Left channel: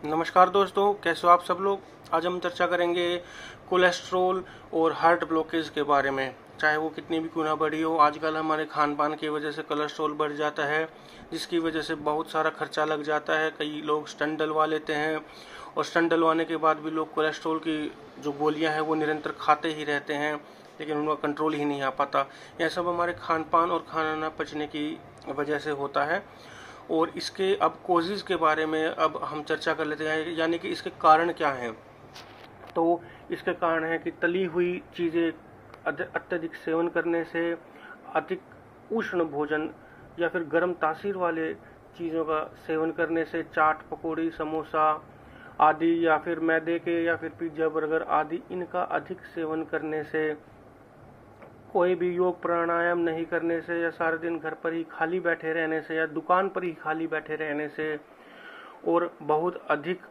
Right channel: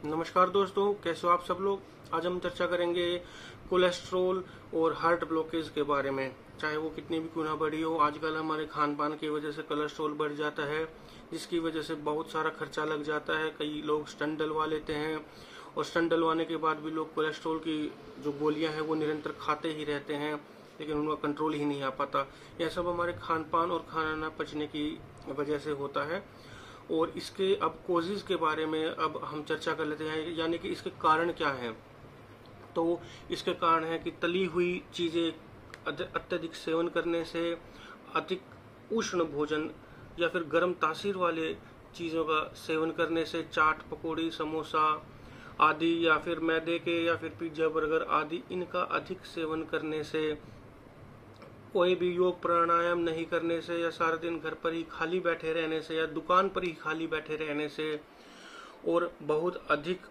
नमस्कार दोस्तों, कैसे हो आप सब लोग। आज हम चर्चा करेंगे कोलेस्ट्रॉल और हार्ट ब्लॉकेज के बारे में। चाहे वो कितनी भी क्यों ना बड़ी हो, आजकल हमारे खान पान की वजह से कोलेस्ट्रॉल बढ़ जाता है, जिसकी वजह से बहुत सारा खर्चा लग जाता है। कई लोग स्टंट डलवा लेते हैं और स्टंट डलवाने के बाद भी लोग कोलेस्ट्रॉल की जो गोलियां हैं वो निरंतर खाते ही रहते हैं, लेकिन उनका कंट्रोल ही नहीं आ पाता। यह सब हमारे खान पान और खाना न पचने की वजह से होता है। और इसके अब कोजेज के बारे में अब हम चर्चा कर लेते हैं, यानी कि इसके कारण क्या हैं। तो इसके कारण है कि तली हुई चीज़ें अत्यधिक सेवन करने से, अधिक उष्ण भोजन या फिर गर्म तासीर वाले चीज़ों का सेवन करने से, चाट पकौड़ी समोसा आदि, या फिर मैदे के या फिर पिज्ज़ा बर्गर आदि इनका अधिक सेवन करने से, कोई भी योग प्राणायाम नहीं करने से, या सारे दिन घर पर ही खाली बैठे रहने से, या दुकान पर ही खाली बैठे रहने से, और बहुत अधिक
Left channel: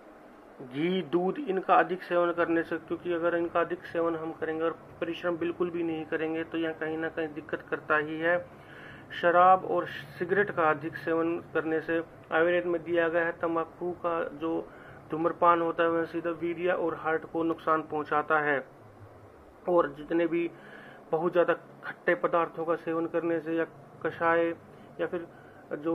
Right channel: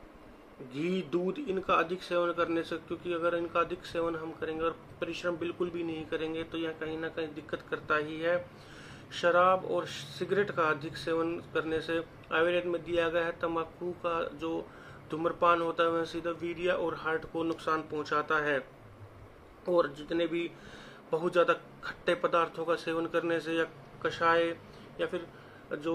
घी दूध इनका अधिक सेवन करने से। क्योंकि अगर इनका अधिक सेवन हम करेंगे और परिश्रम बिल्कुल भी नहीं करेंगे तो यह कहीं ना कहीं दिक्कत करता ही है। शराब और सिगरेट का अधिक सेवन करने से, आयुर्वेद में दिया गया है तंबाकू का जो धूम्रपान होता है वह सीधा वीर्य और हार्ट को नुकसान पहुंचाता है। और जितने भी बहुत ज़्यादा खट्टे पदार्थों का सेवन करने से, या कषाय, या फिर जो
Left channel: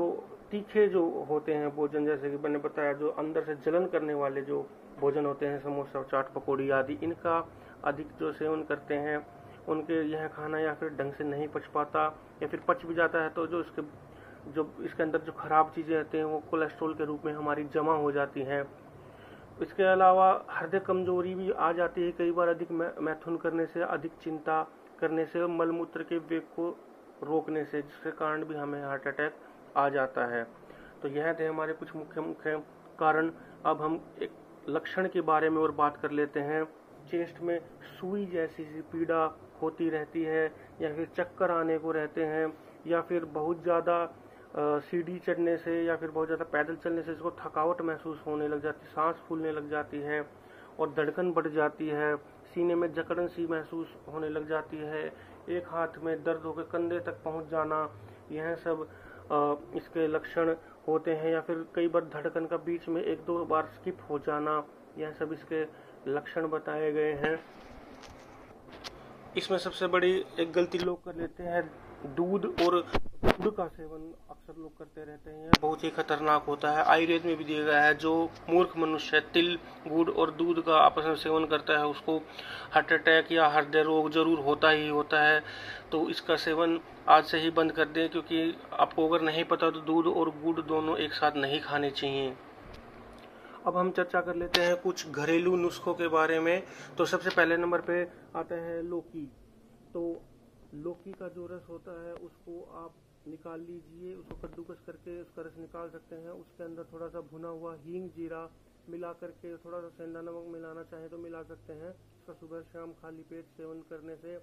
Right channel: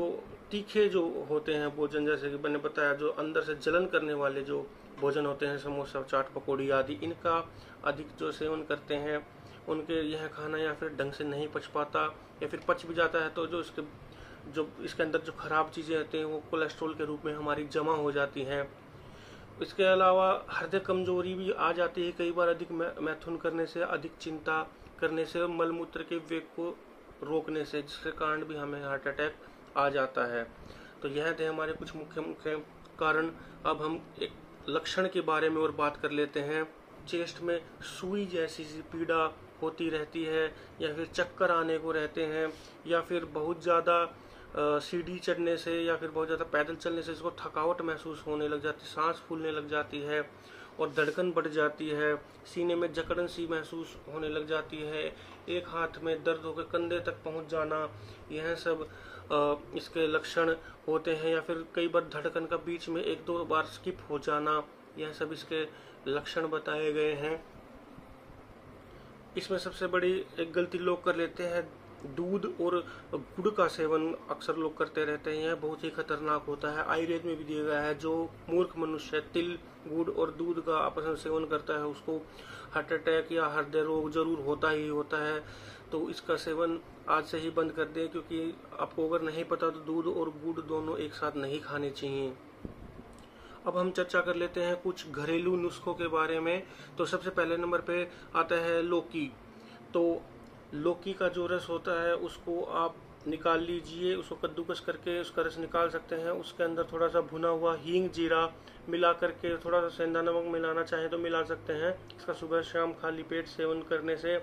तीखे जो होते हैं भोजन, जैसे कि मैंने बताया जो अंदर से जलन करने वाले जो भोजन होते हैं, समोसा चाट पकौड़ी आदि, इनका अधिक जो सेवन करते हैं उनके यह खाना या फिर ढंग से नहीं पच पाता, या फिर पच भी जाता है तो जो इसके अंदर जो खराब चीज़ें होती हैं वो कोलेस्ट्रॉल के रूप में हमारी जमा हो जाती हैं। इसके अलावा हृदय कमजोरी भी आ जाती है कई बार, अधिक मैथुन करने से, अधिक चिंता करने से, मल मूत्र के वेग को रोकने से, जिसके कारण भी हमें हार्ट अटैक आ जाता है। तो यह थे हमारे कुछ मुख्य मुख्य कारण। अब हम एक लक्षण के बारे में और बात कर लेते हैं। चेस्ट में सुई जैसी सी पीड़ा होती रहती है, या फिर चक्कर आने को रहते हैं, या फिर बहुत ज़्यादा सीढ़ी चढ़ने से या फिर बहुत ज़्यादा पैदल चलने से इसको थकावट महसूस होने लग जाती है, सांस फूलने लग जाती है और धड़कन बढ़ जाती है, सीने में जकड़न सी महसूस होने लग जाती है, एक हाथ में दर्द होकर कंधे तक पहुंच जाना, यह सब इसके लक्षण होते हैं। या फिर कई बार धड़कन का बीच में एक दो बार स्किप हो जाना, यह सब इसके लक्षण बताए गए हैं। इसमें सबसे बड़ी एक गलती लोग कर लेते हैं, दूध और गुड़ का सेवन अक्सर लोग करते रहते हैं। यह बहुत ही खतरनाक होता है। आयुर्वेद में भी दिया गया है जो मूर्ख मनुष्य तिल, गुड़ और दूध का आपस में सेवन करता है उसको हार्ट अटैक या हृदय रोग जरूर होता ही होता है। तो इसका सेवन आज से ही बंद कर दें, क्योंकि आपको अगर नहीं पता तो दूध और गुड़ दोनों एक साथ नहीं खाने चाहिए। अब हम चर्चा कर लेते हैं कुछ घरेलू नुस्खों के बारे में। तो सबसे पहले नंबर पे आता है लौकी। तो लौकी का जो रस होता है उसको आप निकाल लीजिए, उसको कद्दूकस करके उसका रस निकाल सकते हैं। उसके अंदर थोड़ा सा भुना हुआ हींग जीरा मिला करके, थोड़ा सा सेंधा नमक मिलाना चाहें तो मिला सकते हैं। इसका सुबह शाम खाली पेट सेवन करने से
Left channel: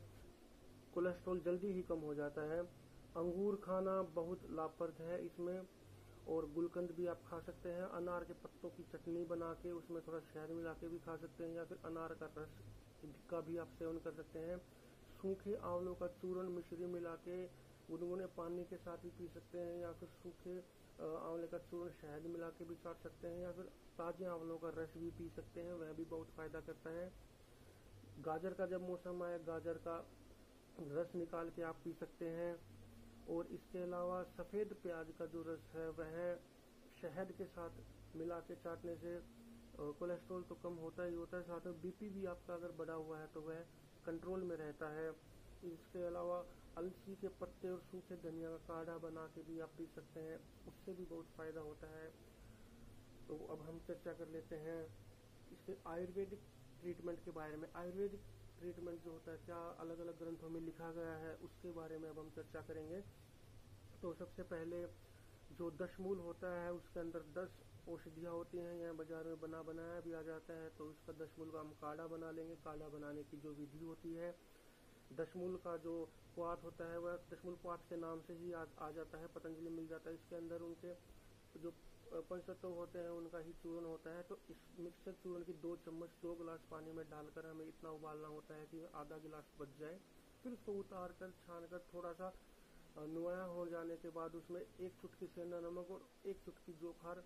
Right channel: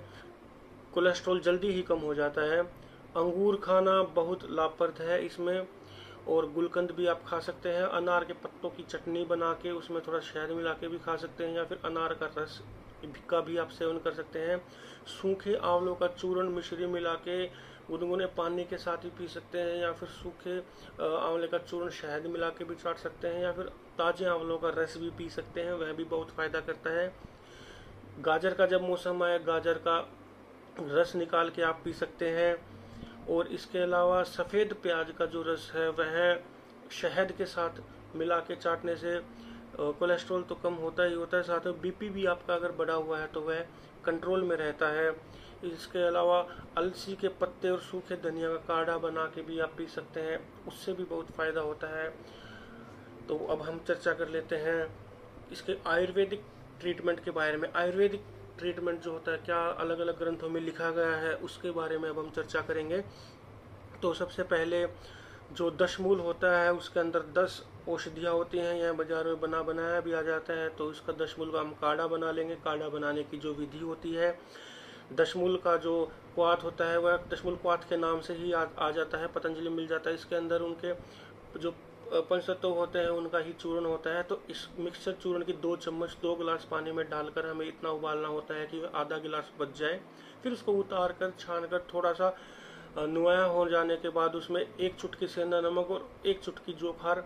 कोलेस्ट्रॉल जल्दी ही कम हो जाता है। अंगूर खाना बहुत लाभप्रद है इसमें, और गुलकंद भी आप खा सकते हैं। अनार के पत्तों की चटनी बना के उसमें थोड़ा शहद मिला के भी खा सकते हैं, या फिर अनार का रस का भी आप सेवन कर सकते हैं। सूखे आंवलों का चूर्ण मिश्री मिला के गुनगुने पानी के साथ ही पी सकते हैं, या फिर सूखे आंवले का चूर्ण शहद मिला के भी चाट सकते हैं, या फिर ताजे आंवलों का रस भी पी सकते हैं, वह भी बहुत फायदा करता है। गाजर का जब मौसम आए गाजर का रस निकाल के आप पी सकते हैं। और इसके अलावा सफ़ेद प्याज का जो रस है वह शहद के साथ मिला के चाटने से कोलेस्ट्रॉल तो कम होता ही होता है, साथ में बीपी भी आपका अगर बढ़ा हुआ है तो वह कंट्रोल में रहता है। इसके अलावा अलसी के पत्ते और सूखे धनिया का काढ़ा बना के भी आप पी सकते हैं, उससे भी बहुत फ़ायदा होता है। तो अब हम चर्चा कर लेते हैं इसके आयुर्वेदिक ट्रीटमेंट के बारे में। आयुर्वेदिक ट्रीटमेंट जो होता है क्या अलग अलग ग्रंथों में लिखा गया है उसके बारे में अब हम चर्चा करेंगे। तो सबसे पहले जो दशमूल होता है उसके अंदर 10 औषधियाँ होती हैं, यह बाजार में बना बनाया भी आ जाता है। तो इसका दशमूल का हम काढ़ा बना लेंगे। काढ़ा बनाने की जो विधि होती है, दशमूल का जो क्वाथ होता है वह दशमूल क्वाथ के नाम से ही आ जाता है, पतंजलि मिल जाता है। इसके अंदर उनके जो पंचतत्व होते हैं उनका ही चूर्ण होता है। तो इस मिक्सचर चूर्ण की 2 चम्मच 2 गिलास पानी में डालकर हमें इतना उबालना होता है कि आधा गिलास बच जाए। फिर उसको उतार कर छान कर थोड़ा सा नुआया हो जाने के बाद उसमें 1 चुटकी सेंधा नमक और 1 चुटकी जोखार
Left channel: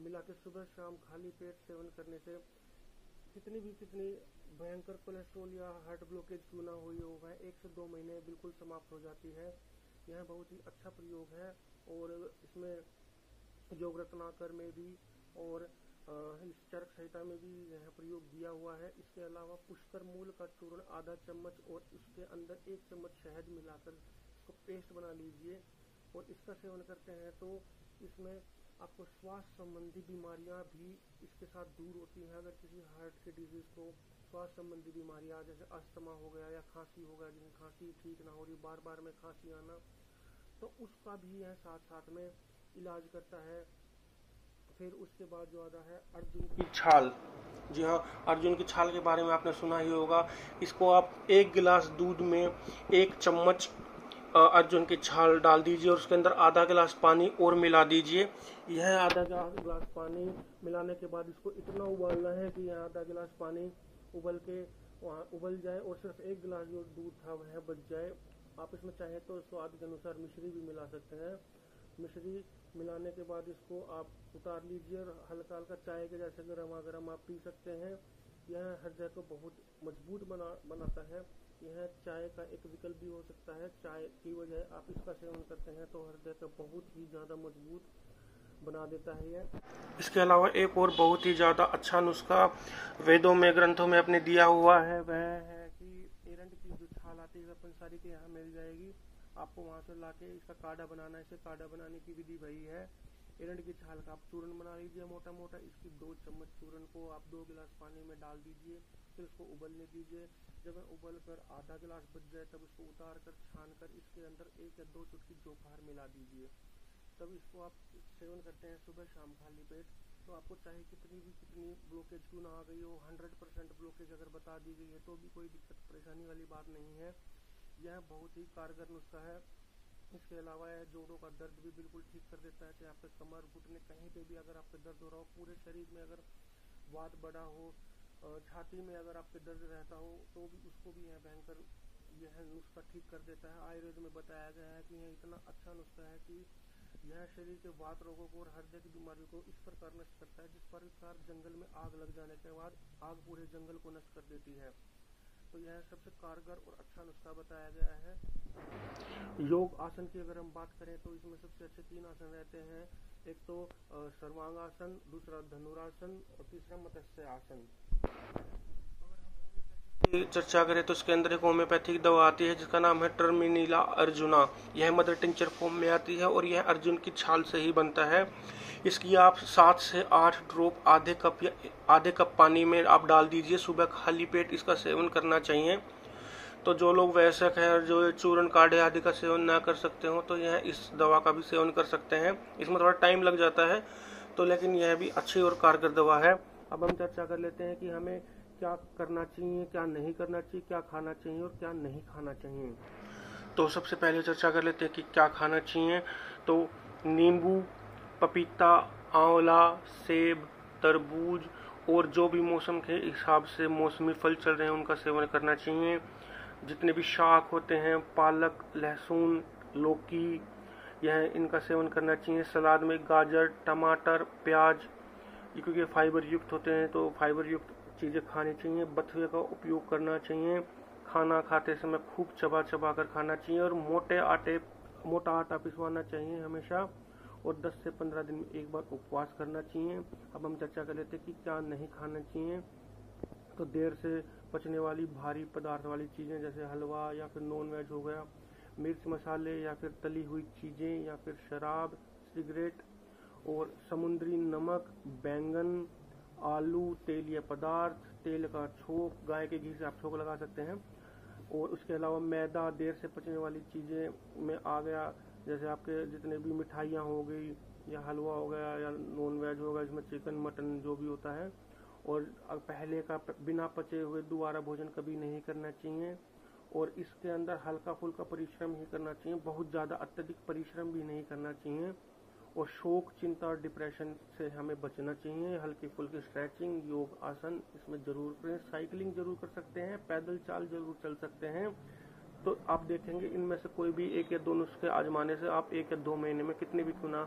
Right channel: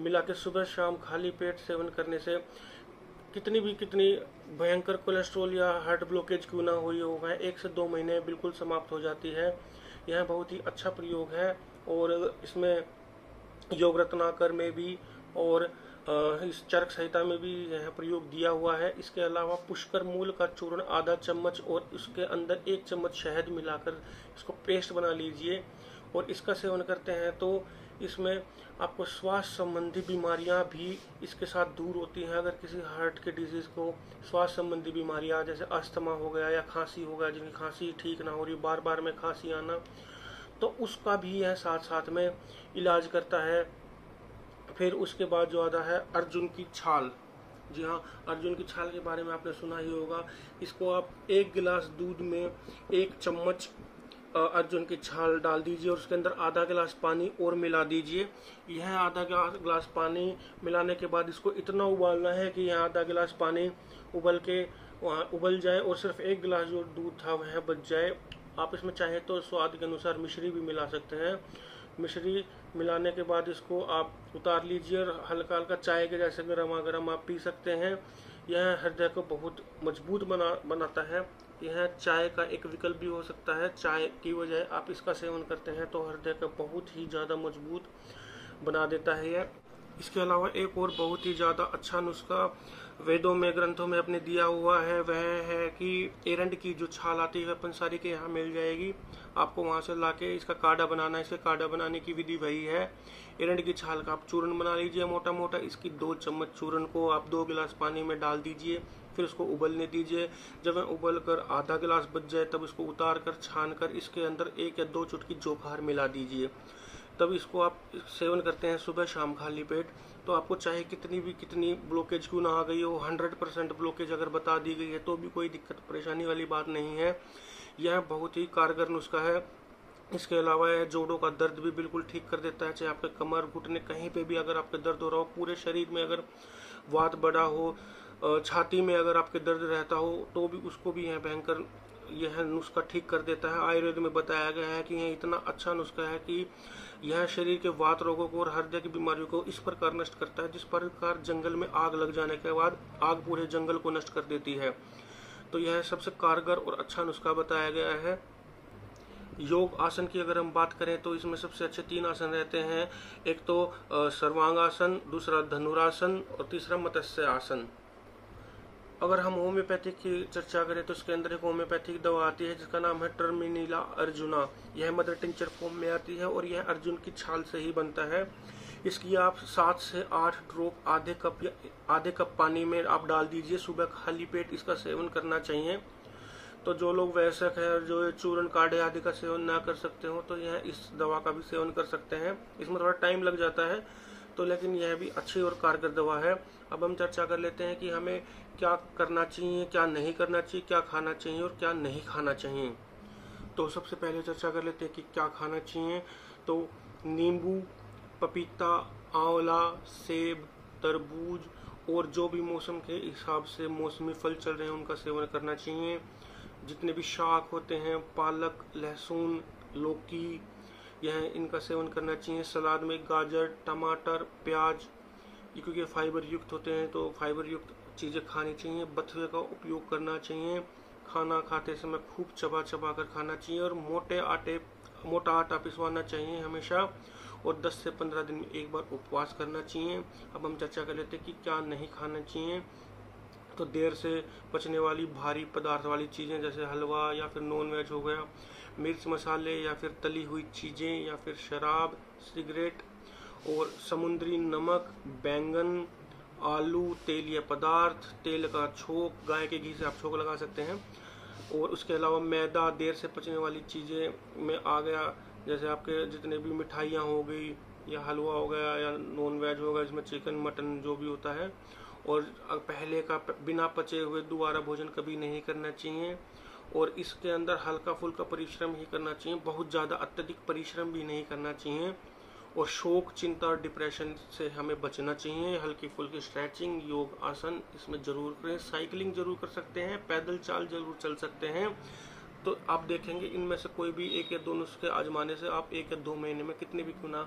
मिला के सुबह शाम खाली पेट सेवन करने से कितनी भयंकर कोलेस्ट्रॉल या हार्ट ब्लॉकेज क्यों ना हुई हो, वह 1 से 2 महीने बिल्कुल समाप्त हो जाती है। यह बहुत ही अच्छा प्रयोग है और इसमें योग रत्नाकर में भी और इस चरक संहिता में भी यह प्रयोग दिया हुआ है। इसके अलावा पुष्कर मूल का चूर्ण आधा चम्मच और उसके अंदर 1 चम्मच शहद मिलाकर इसको पेस्ट बना लीजिए और इसका सेवन करते हैं तो इसमें आपको श्वास संबंधी बीमारियां भी इसके साथ दूर होती हैं। अगर किसी हार्ट के डिजीज़ को श्वास संबंधी बीमारियां जैसे अस्थमा हो गया या खांसी हो गया, जिनकी खांसी ठीक ना हो रही, बार बार में खांसी आना, तो उसका भी यह साथ साथ में इलाज करता है। फिर उसके बाद जो आता है अर्जुन की छाल। जी हाँ, अर्जुन की छाल के बारे में आपने सुना ही होगा। इसको आप 1 गिलास दूध में 1 चम्मच अर्जुन की छाल डाल दीजिए और उसके अंदर आधा गिलास पानी और मिला दीजिए। यह आधा गिलास पानी मिलाने के बाद इसको इतना उबालना है कि यह आधा गिलास पानी उबल जाए और सिर्फ 1 गिलास जो दूध था वह बच जाए। आप इसमें चाहे तो स्वाद के अनुसार मिश्री भी मिला सकते हैं। मिश्री मिलाने के बाद इसको आप उतार लीजिए और हल्का हल्का चाय के जैसे गर्मा गर्म आप पी सकते हैं। यह हृदय को बहुत मजबूत बनाता है। यह चाय का एक विकल्प भी हो सकता है। चाय की वजह आप इसका सेवन करते हैं तो हृदय का बहुत ही ज़्यादा मजबूत बना देता है यह। इसके अलावा एक और बहुत ही ज़्यादा अच्छा नुस्खा वेदों में ग्रंथों में अपने दिया हुआ है, वह है कि एरंड की जो छाल आती है पंसारी के यहाँ मिल जाएगी। आपको वहाँ से लाके इसका काढ़ा बनाना है। इसके काढ़ा बनाने की विधि वही है। एरंड की छाल का आप चूर्ण बना लीजिए मोटा मोटा। इसकी 2 चम्मच चूर्ण को आप 2 गिलास पानी में डाल दीजिए, फिर उसको उबलने दीजिए। जब वह उबल कर आधा गिलास बच जाए तब इसको उतार कर छान कर इसके अंदर 1 या 2 चुटकी जोखार मिला दीजिए। तब इसको आप सेवन करते हैं सुबह शाम खाली पेट, तो आपको चाहे कितनी ब्लॉकेज क्यों ना आ गई हो, 100% ब्लॉकेज अगर बता दी गई है तो भी कोई दिक्कत परेशानी वाली बात नहीं है। यह बहुत ही कारगर नुस्खा है। इसके अलावा यह जोड़ों का दर्द भी बिल्कुल ठीक कर देता है। चाहे आपके कमर घुटने कहीं पे भी अगर आपके दर्द हो रहा हो, पूरे शरीर में अगर वात बढ़ा हो, छाती में अगर आपके दर्द रहता हो तो भी उसको भी यह नुस्खा ठीक कर देता है। आयुर्वेद में बताया गया है कि यह इतना अच्छा नुस्खा है कि यह शरीर के वात रोगों को और हृदय की बीमारियों को इस प्रकार नष्ट करता है जिस प्रकार जंगल में आग लग जाने के बाद आग पूरे जंगल को नष्ट कर देती है। तो यह सबसे कारगर और अच्छा नुस्खा बताया गया है। योग आसन की अगर हम बात करें तो इसमें सबसे अच्छे 3 आसन रहते हैं। एक तो सर्वांगासन, दूसरा धनुरासन और तीसरा मत्स्य आसन। अगर हम होम्योपैथिक की चर्चा करें तो इसके अंदर एक होम्योपैथिक दवा आती है जिसका नाम है टर्मिनीला अर्जुना। यह मदर टिंचर फॉर्म में आती है और यह अर्जुन की छाल से ही बनता है। इसकी आप 7 से 8 ड्रॉप आधे कप पानी में आप डाल दीजिए। सुबह खाली पेट इसका सेवन करना चाहिए। तो जो लोग वयस्क हैं और जो चूर्ण काढ़े आदि का सेवन ना कर सकते हो तो यह इस दवा का भी सेवन कर सकते हैं। इसमें थोड़ा टाइम लग जाता है तो लेकिन यह भी अच्छी और कारगर दवा है। अब हम चर्चा कर लेते हैं कि हमें क्या करना चाहिए, क्या नहीं करना चाहिए, क्या खाना चाहिए और क्या नहीं खाना चाहिए। तो सबसे पहले चर्चा कर लेते हैं कि क्या खाना चाहिए। तो नींबू, पपीता, आंवला, सेब, तरबूज और जो भी मौसम के हिसाब से मौसमी फल चल रहे हैं उनका सेवन करना चाहिए। जितने भी शाक होते हैं, पालक, लहसुन, लौकी, यह इनका सेवन करना चाहिए। सलाद में गाजर, टमाटर, प्याज, क्योंकि फाइबर युक्त होते हैं तो फाइबर युक्त चीज़ें खानी चाहिए। बथुए का उपयोग करना चाहिए। खाना खाते समय खूब चबा चबा कर खाना चाहिए और मोटा आटा पिसवाना चाहिए हमेशा और 10 से 15 दिन में एक बार उपवास करना चाहिए। अब हम चर्चा कर लेते हैं कि क्या नहीं खाना चाहिए। तो देर से पचने वाली भारी पदार्थ वाली चीज़ें जैसे हलवा या फिर नॉन वेज हो गया, मिर्च मसाले या फिर तली हुई चीज़ें या फिर शराब, सिगरेट और समुद्री नमक, बैंगन, आलू, तेलीय पदार्थ, तेल का छोंक, गाय के घी से आप छोंक लगा सकते हैं। और उसके अलावा मैदा, देर से पचने वाली चीज़ें में आ गया जैसे आपके जितने भी मिठाइयाँ हो गई या हलवा हो गया या नॉन वेज हो गया इसमें चिकन मटन जो भी होता है। और पहले का बिना पचे हुए दोबारा भोजन कभी नहीं करना चाहिए। और इसके अंदर हल्का फुल्का परिश्रम ही करना चाहिए, बहुत ज़्यादा अत्यधिक परिश्रम भी नहीं करना चाहिए। और शोक, चिंता और डिप्रेशन से हमें बचना चाहिए। हल्की फुल्की स्ट्रेचिंग, योग आसन इसमें जरूर करें। साइकिलिंग जरूर कर सकते हैं, पैदल चाल जरूर चल सकते हैं। तो आप देखेंगे इनमें से कोई भी 1 या 2 नुस्खे आजमाने से आप 1 या 2 महीने में कितने भी क्यों ना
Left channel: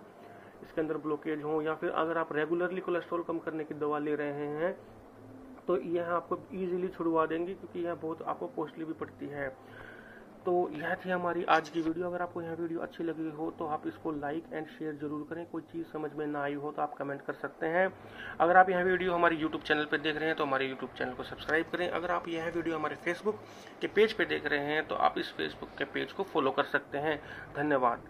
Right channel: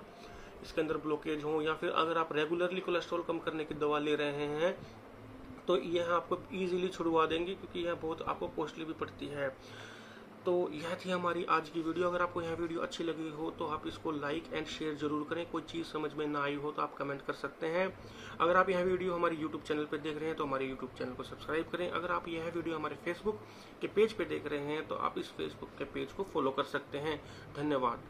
इसके अंदर ब्लॉकेज हो, या फिर अगर आप रेगुलरली कोलेस्ट्रॉल कम करने की दवा ले रहे हैं तो यह आपको इजीली छुड़वा देंगे, क्योंकि यह बहुत आपको कॉस्टली भी पड़ती है। तो यह थी हमारी आज की वीडियो। अगर आपको यह वीडियो अच्छी लगी हो तो आप इसको लाइक एंड शेयर जरूर करें। कोई चीज़ समझ में ना आई हो तो आप कमेंट कर सकते हैं। अगर आप यह वीडियो हमारे यूट्यूब चैनल पर देख रहे हैं तो हमारे यूट्यूब चैनल को सब्सक्राइब करें। अगर आप यह वीडियो हमारे फेसबुक के पेज पे देख रहे हैं तो आप इस फेसबुक के पेज को फॉलो कर सकते हैं। धन्यवाद।